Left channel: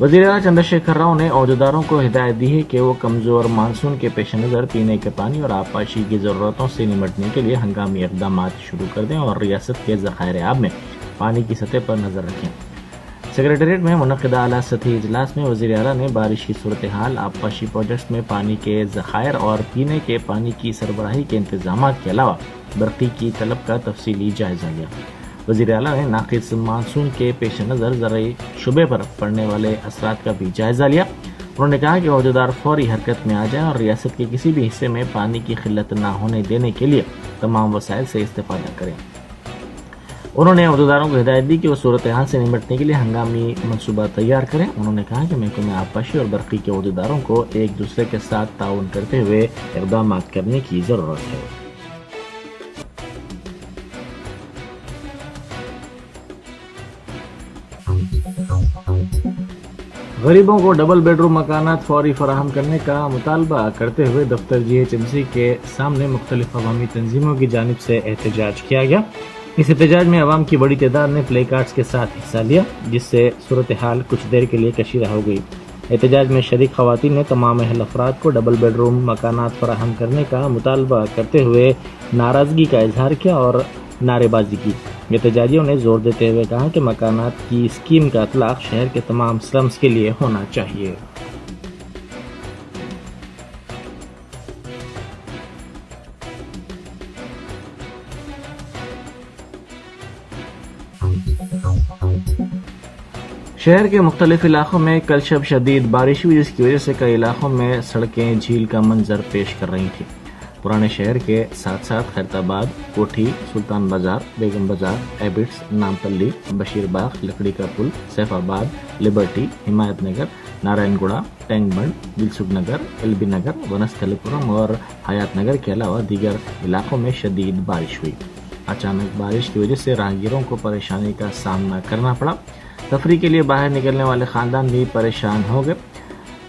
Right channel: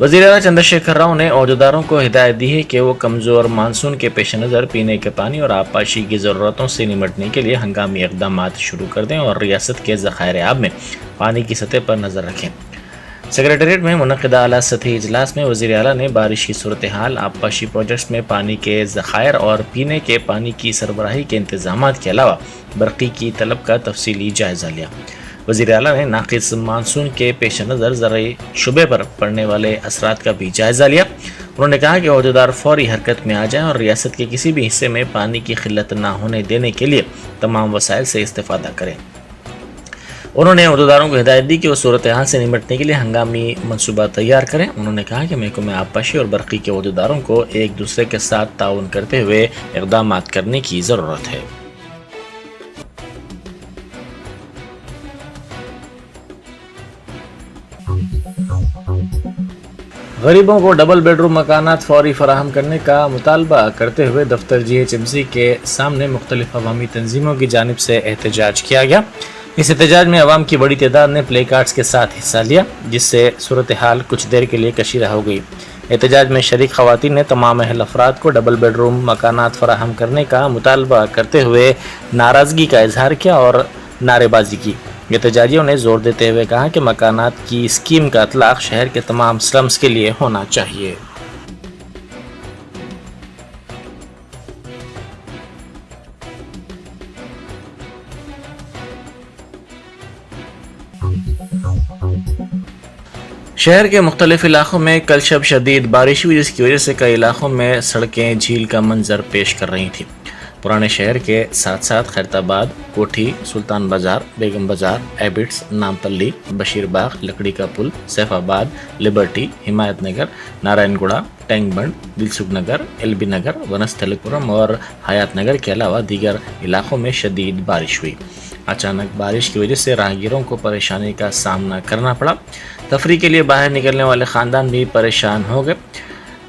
وزیر اعلیٰ چندر شیکھر راؤ نے عہدیداروں کو ہدایت دی ہے کہ وہ کمزور مانسون کے پیش نظر پینے کے پانی اور آبپاشی کی ضرورتوں سے نمٹنے کے لیے ہنگامی اقدامات شروع کر دیں اور ریاست کے ذخائر آب میں پانی کی سطح پر نظر رکھیں۔ سکریٹریٹ میں منعقدہ اعلیٰ سطحی اجلاس میں وزیر اعلیٰ نے بارش کی صورتحال، آبپاشی پروجیکٹس میں پانی کے ذخائر اور پینے کے پانی کی سربراہی کے انتظامات کے علاوہ برقی کی طلب کا تفصیلی جائزہ لیا۔ وزیر اعلیٰ نے ناقص مانسون کے پیش نظر زرعی شعبے پر پڑنے والے اثرات کا بھی جائزہ لیا۔ انہوں نے کہا کہ عہدیدار فوری حرکت میں آ جائیں اور ریاست کے کسی بھی حصے میں پانی کی قلت نہ ہونے دینے کے لیے تمام وسائل سے استفادہ کریں۔ انہوں نے عہدیداروں کو ہدایت دی کہ وہ صورتحال سے نمٹنے کے لیے ہنگامی منصوبہ تیار کریں۔ انہوں نے کہا کہ محکمہ آبپاشی اور برقی کے عہدیداروں کو ایک دوسرے کے ساتھ تعاون کرتے ہوئے اقدامات کرنے کی ضرورت ہے۔ غریبوں کو ڈبل بیڈ روم مکانات فوری فراہم کرنے کا مطالبہ کرتے ہوئے دفتر GHMC کے سامنے مختلف عوامی تنظیموں کی جانب سے احتجاج کیا گیا۔ اس احتجاج میں عوام کی بڑی تعداد نے پلے کارڈز کے ساتھ حصہ لیا، جس سے صورتحال کچھ دیر کے لیے کشیدہ ہو گئی۔ احتجاج میں شریک خواتین نے تمام اہل افراد کو ڈبل بیڈ روم مکانات فراہم کرنے کا مطالبہ کرتے ہوئے ناراضگی کا اظہار کیا اور نعرے بازی کی۔ احتجاجیوں نے زور دیتے ہوئے کہا کہ مکانات کی اسکیم کا اطلاق شہر کے تمام سلمز کے لیے ہونا چاہیے۔ شہر کے مختلف علاقوں میں کل شب شدید بارش ہوئی، جس کی وجہ سے کئی علاقوں میں سڑکیں جھیل کا منظر پیش کر رہی تھیں۔ پرانے شہر کے ساتھ ساتھ خیرتآباد، کوٹھی، سلطان بازار، بیگم بازار، ایبٹس، نامپلی، بشیر باغ، لکڑی کا پل، سیف آباد، لبرٹی، حمایت نگر، نارائن گوڑا، ٹینک بنڈ، دلسکھ نگر، LB نگر، ونستھلی پورم اور حیات نگر کے علاوہ دیگر علاقوں میں شدید بارش ہوئی۔ اچانک بارش کی وجہ سے راہگیروں کو پریشانی کا سامنا کرنا پڑا۔ تفریح کے لیے باہر نکلنے والے خاندان بھی پریشان ہو گئے۔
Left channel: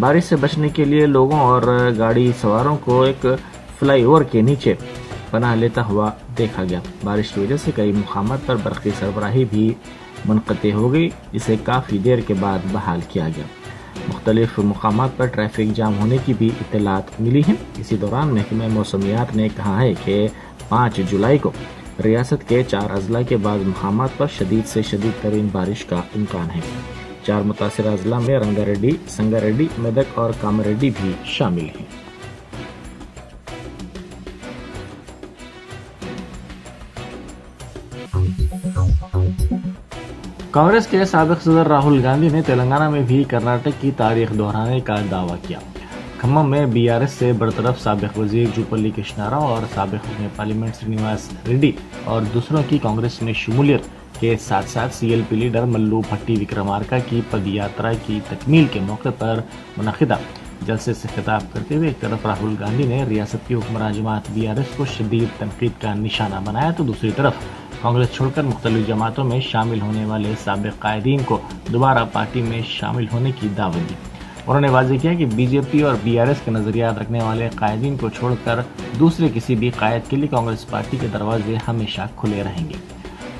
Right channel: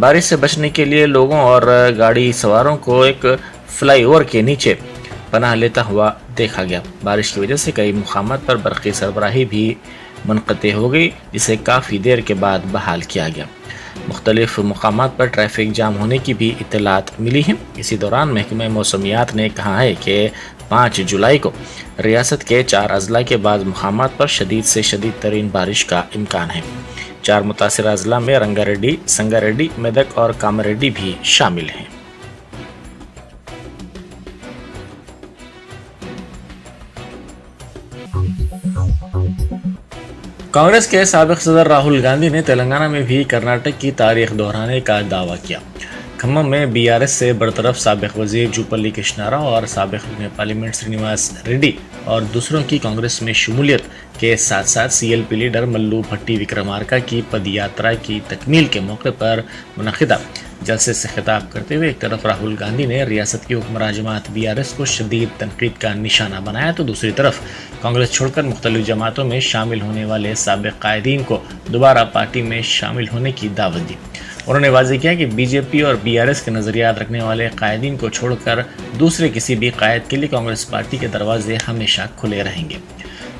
بارش سے بچنے کے لیے لوگوں اور گاڑی سواروں کو ایک فلائی اوور کے نیچے پناہ لیتا ہوا دیکھا گیا۔ بارش کی وجہ سے کئی مقامات پر برقی سربراہی بھی منقطع ہو گئی، جسے کافی دیر کے بعد بحال کیا گیا۔ مختلف مقامات پر ٹریفک جام ہونے کی بھی اطلاعات ملی ہیں۔ اسی دوران محکمہ موسمیات نے کہا ہے کہ 5 جولائی کو ریاست کے 4 اضلاع کے بعض مقامات پر شدید سے شدید ترین بارش کا امکان ہے۔ 4 متاثرہ اضلاع میں رنگا ریڈی، سنگا ریڈی، میدک اور کاماریڈی بھی شامل ہیں۔ کانگریس کے سابق صدر راہل گاندھی نے تلنگانہ میں بھی کرناٹک کی تاریخ دہرانے کا دعویٰ کیا۔ کھمم میں BRS سے برطرف سابق وزیر جوپلی کرشنا راؤ اور سابق رکن پارلیمنٹ سرینواس ریڈی اور دوسروں کی کانگریس میں شمولیت کے ساتھ ساتھ CLP لیڈر ملو بھٹی وکرمارکا کی پد یاترا کی تکمیل کے موقع پر منعقدہ جلسے سے خطاب کرتے ہوئے ایک طرف راہل گاندھی نے ریاست کی حکمراں جماعت BRS کو شدید تنقید کا نشانہ بنایا، تو دوسری طرف کانگریس چھوڑ کر مختلف جماعتوں میں شامل ہونے والے سابق قائدین کو دوبارہ پارٹی میں شامل ہونے کی دعوت دی۔ انہوں نے واضح کیا کہ BJP اور BRS کے نظریات رکھنے والے قائدین کو چھوڑ کر دوسرے کسی بھی قائد کے لیے کانگریس پارٹی کے دروازے ہمیشہ کھلے رہیں گے۔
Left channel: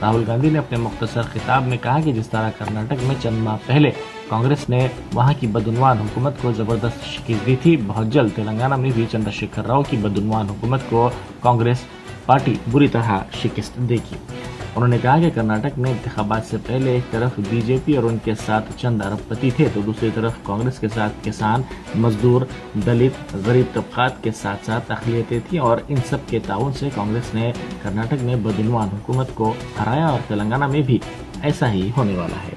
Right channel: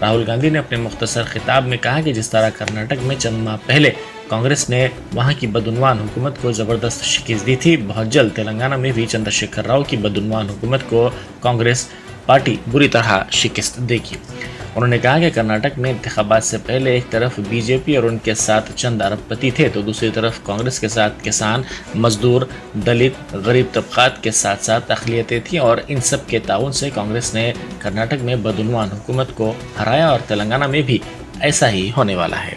راہل گاندھی نے اپنے مختصر خطاب میں کہا کہ جس طرح کرناٹک میں چند ماہ پہلے کانگریس نے وہاں کی بدعنوان حکومت کو زبردست شکست دی تھی، بہت جلد تلنگانہ میں بھی چندر شیکھر راؤ کی بدعنوان حکومت کو کانگریس پارٹی بری طرح شکست دے گی۔ انہوں نے کہا کہ کرناٹک میں انتخابات سے پہلے ایک طرف BJP اور ان کے ساتھ چند ارب پتی تھے، تو دوسری طرف کانگریس کے ساتھ کسان، مزدور، دلت، غریب طبقات کے ساتھ ساتھ اقلیتیں تھیں، اور ان سب کے تعاون سے کانگریس نے کرناٹک میں بدعنوان حکومت کو ہرایا اور تلنگانہ میں بھی ایسا ہی ہونے والا ہے۔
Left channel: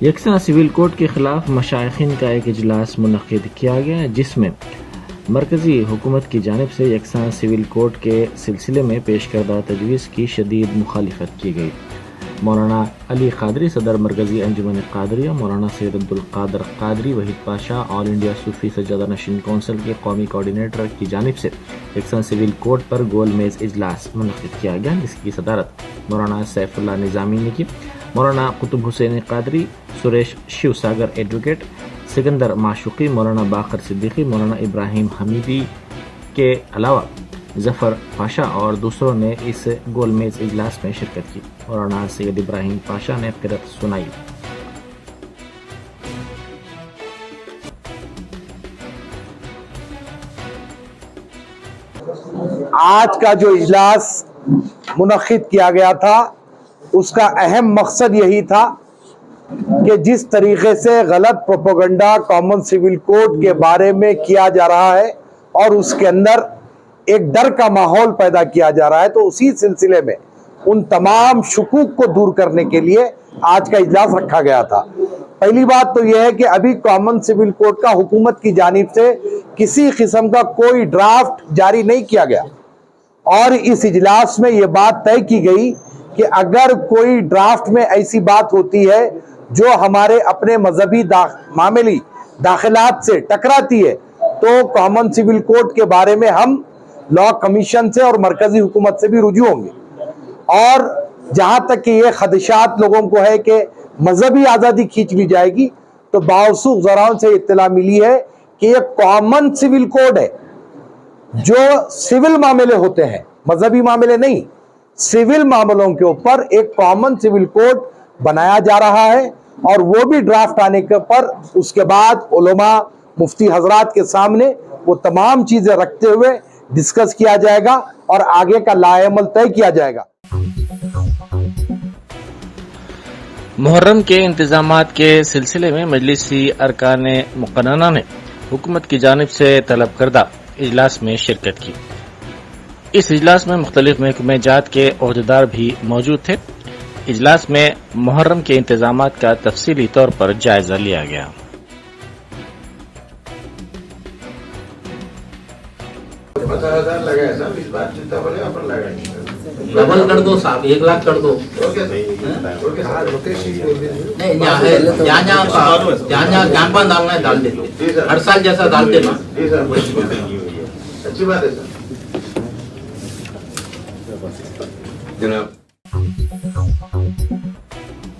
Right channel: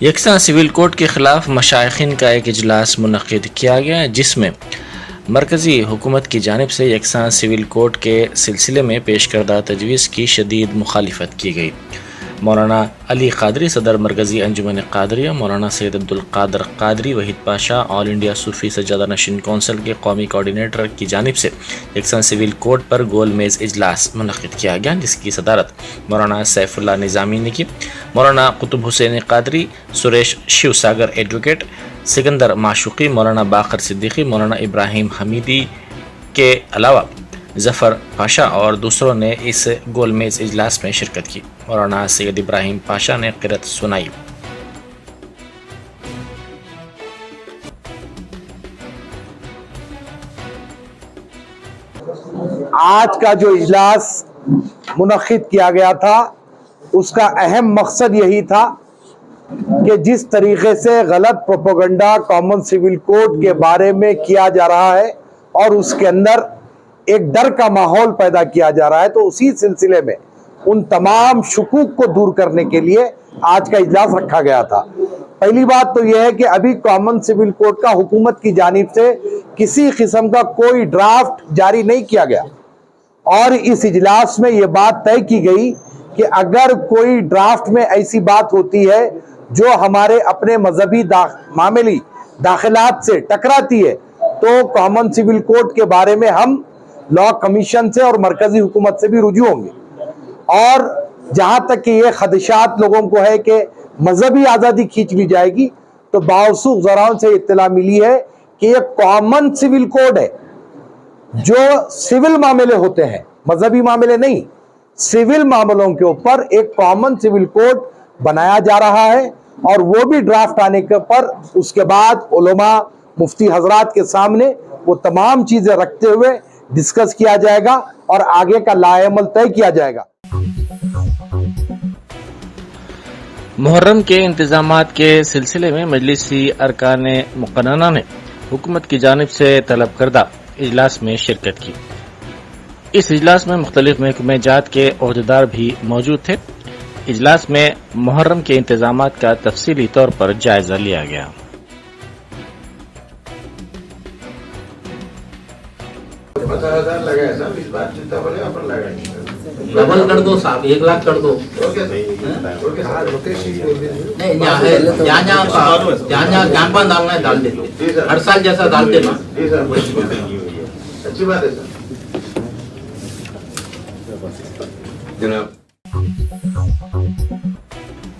یکساں سول کوڈ کے خلاف مشائخین کا ایک اجلاس منعقد کیا گیا، جس میں مرکزی حکومت کی جانب سے یکساں سول کوڈ کے سلسلے میں پیش کردہ تجویز کی شدید مخالفت کی گئی۔ مولانا علی قادری صدر مرکزی انجمن قادریہ، مولانا سید عبدالقادر قادری، وحید پاشا آل انڈیا صوفی سجادہ نشین کونسل کے قومی کوارڈینیٹر کی جانب سے یکساں سول کوڈ پر گول میز اجلاس منعقد کیا گیا، جس کی صدارت مولانا سیف اللہ نظامی نے کی۔ مولانا قطب حسین قادری، سریش شیو ساگر ایڈوکیٹ، سکندر معشوقی، مولانا باقر صدیقی، مولانا ابراہیم حمیدی کے علاوہ ظفر پاشا اور دوسروں نے اس گول میز اجلاس میں شرکت کی۔ مولانا سید ابراہیم پاشا نے قرأت سنائی۔ آج کا جو اجلاس منعقد کیا گیا تھا اس کا اہم مقصد یہی تھا کہ جس طریقے سے غلط پروپیگنڈا کامن سول کوڈ کے بارے میں کیا جا رہا ہے اور اس کے اندر ایک ڈر کا ماحول پیدا کیا جا رہا ہے، تو اسی سلسلے میں ان تمام شکوک کو دور کرنے کے لیے آج کا اجلاس رکھا گیا تھا۔ پہلی بات تو یہ ہے کہ ابھی کامن سول کوڈ کا حکومت کی جانب سے کسی قسم کا کوئی ڈرافٹ جاری نہیں کیا گیا، اور اس اجلاس میں یہ بات طے کی گئی کہ اگر کوئی ڈرافٹ میں ایسی بات ہوتی ہے جو ہمارے اپنے مذہبی معاملی داخلات سے ٹکراتی ہے تو کامن سول کوڈ کے بارے میں ہم لا کمیشن سے اور مرکزی حکومت سے بھی رجوع ہوں گے۔ اور جہاں تک کہ یہ خدشات لوگوں کو ہے کہ مذہبی آزادی کھینچ لی جائے گی، تو باوثوق ذرائع سے اطلاع ملی ہے کہ یہ کامن سول کوڈ ہے جو سول معاملے ہوتے ہیں، مذہبی معاملے نہیں، سول معاملوں کے اوپر ایک کامن سول کوڈ بنایا جا رہا ہے، اور وہ بھی ڈرافٹ آنے کے پر اس کے بعد علماء مفتی حضرات کے سامنے وہ تمام چیزیں رکھتے ہوئے ڈسکس کیا جائے گا اور آگے کا لائحہ عمل طے کیا جائے گا۔ محرم کے انتظامات کے سلسلے میں مجلسی ارکان مقننہ نے حکومت کی جانب سے طلب کردہ اجلاس میں شرکت کی۔ اس اجلاس میں مختلف محکمہ جات کے عہدیدار بھی موجود تھے۔ اجلاس میں محرم کے انتظامات کا تفصیلی طور پر جائزہ لیا گیا۔ ڈبل کر دو صاحب، 1 لاکھ کر دو۔ جہاں جہاں کیمپا ڈالنا ہے ڈال دیتے، ہر سال جیسا ڈالتے نا۔ اچھی بات ہے سر جناب۔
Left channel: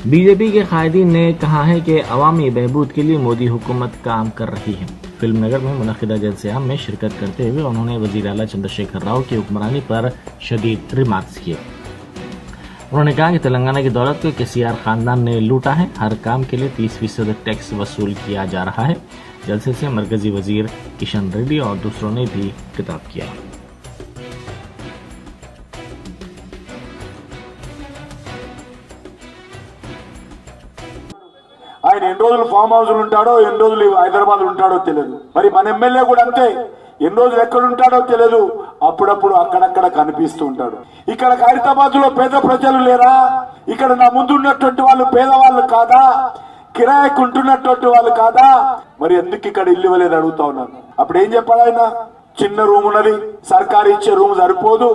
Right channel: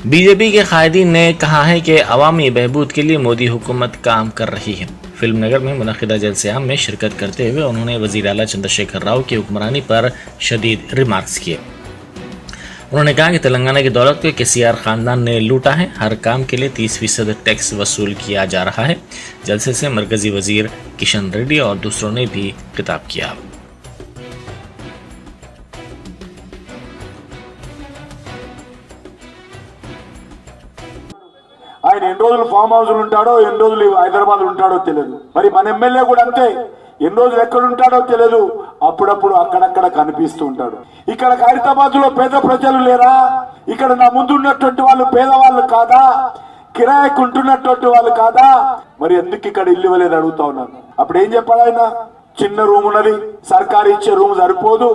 بی جے پی کے قائدین نے کہا ہے کہ عوامی بہبود کے لیے مودی حکومت کام کر رہی ہے۔ فلم نگر میں منعقدہ جلسے عام میں شرکت کرتے ہوئے انہوں نے وزیر اعلیٰ چندر شیکھر راؤ کی حکمرانی پر شدید ریمارکس کیے۔ انہوں نے کہا کہ تلنگانہ کی دولت کو کسی اور خاندان نے لوٹا ہے، ہر کام کے لیے 30% ٹیکس وصول کیا جا رہا ہے۔ جلسے سے مرکزی وزیر کشن ریڈی اور دوسروں نے بھی خطاب کیا۔ ఆయన ఎన్ని రోజులు ఫామ్ హౌస్లు ఉంటాడో, ఎన్ని రోజులు హైదరాబాద్ ఉంటాడో తెలియదు. మరి మన ఎమ్మెల్యే కూడా అంతే, ఎన్ని రోజులు ఎక్కడ ఉంటాడో తెలియదు, అప్పుడప్పుడు అక్కడక్కడ కనిపిస్తూ ఉంటాడు. ఇక్కడ ఖైరతాబాద్ లో పేద ప్రజలు లేరా? ఇక్కడ నా ముందు ఉన్నటువంటి వాళ్ళు పేదవాళ్ళు కాదా? కిరాయికి ఉంటున్నటువంటి వాళ్ళు కాదా? మరి ఎందుకు ఇక్కడ ఇల్లు ఇవ్వలేదు అడుగుతా ఉన్నాను. అప్పుడు ఏం చెప్పాడు ఆయన? చిన్న రూమ్ ఉన్నది, సర్కారు ఇచ్చే రూమ్ సరిపోదు,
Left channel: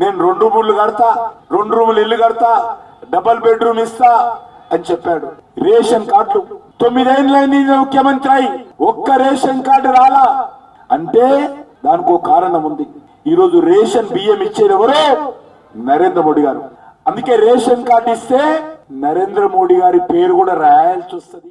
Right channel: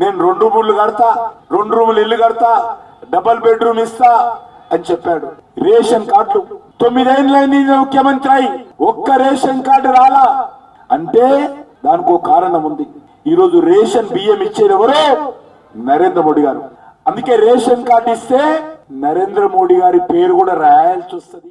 నేను 2 రూములు కడతా, 2 రూములు ఇల్లు కడతా, డబల్ బెడ్రూమ్ ఇస్తా అని చెప్పాడు. రేషన్ కార్డులు 9 ఏళ్ళైంది ముఖ్యమంత్రి అయి ఒక్క రేషన్ కార్డు రాలా అంటే దానికి ఒక కారణం ఉంది. ఈరోజు రేషన్ బియ్యం ఇచ్చేది ఎవరు? నరేంద్ర మోడీ గారు. అందుకే రేషన్ కార్డు ఇస్తే నరేంద్ర మోడీ గారి పేరు కూడా రాయాల్సి వస్తుంది।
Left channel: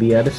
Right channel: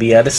BRS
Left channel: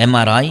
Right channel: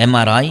MRI,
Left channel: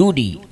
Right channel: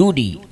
2D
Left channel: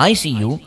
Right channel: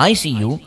ICU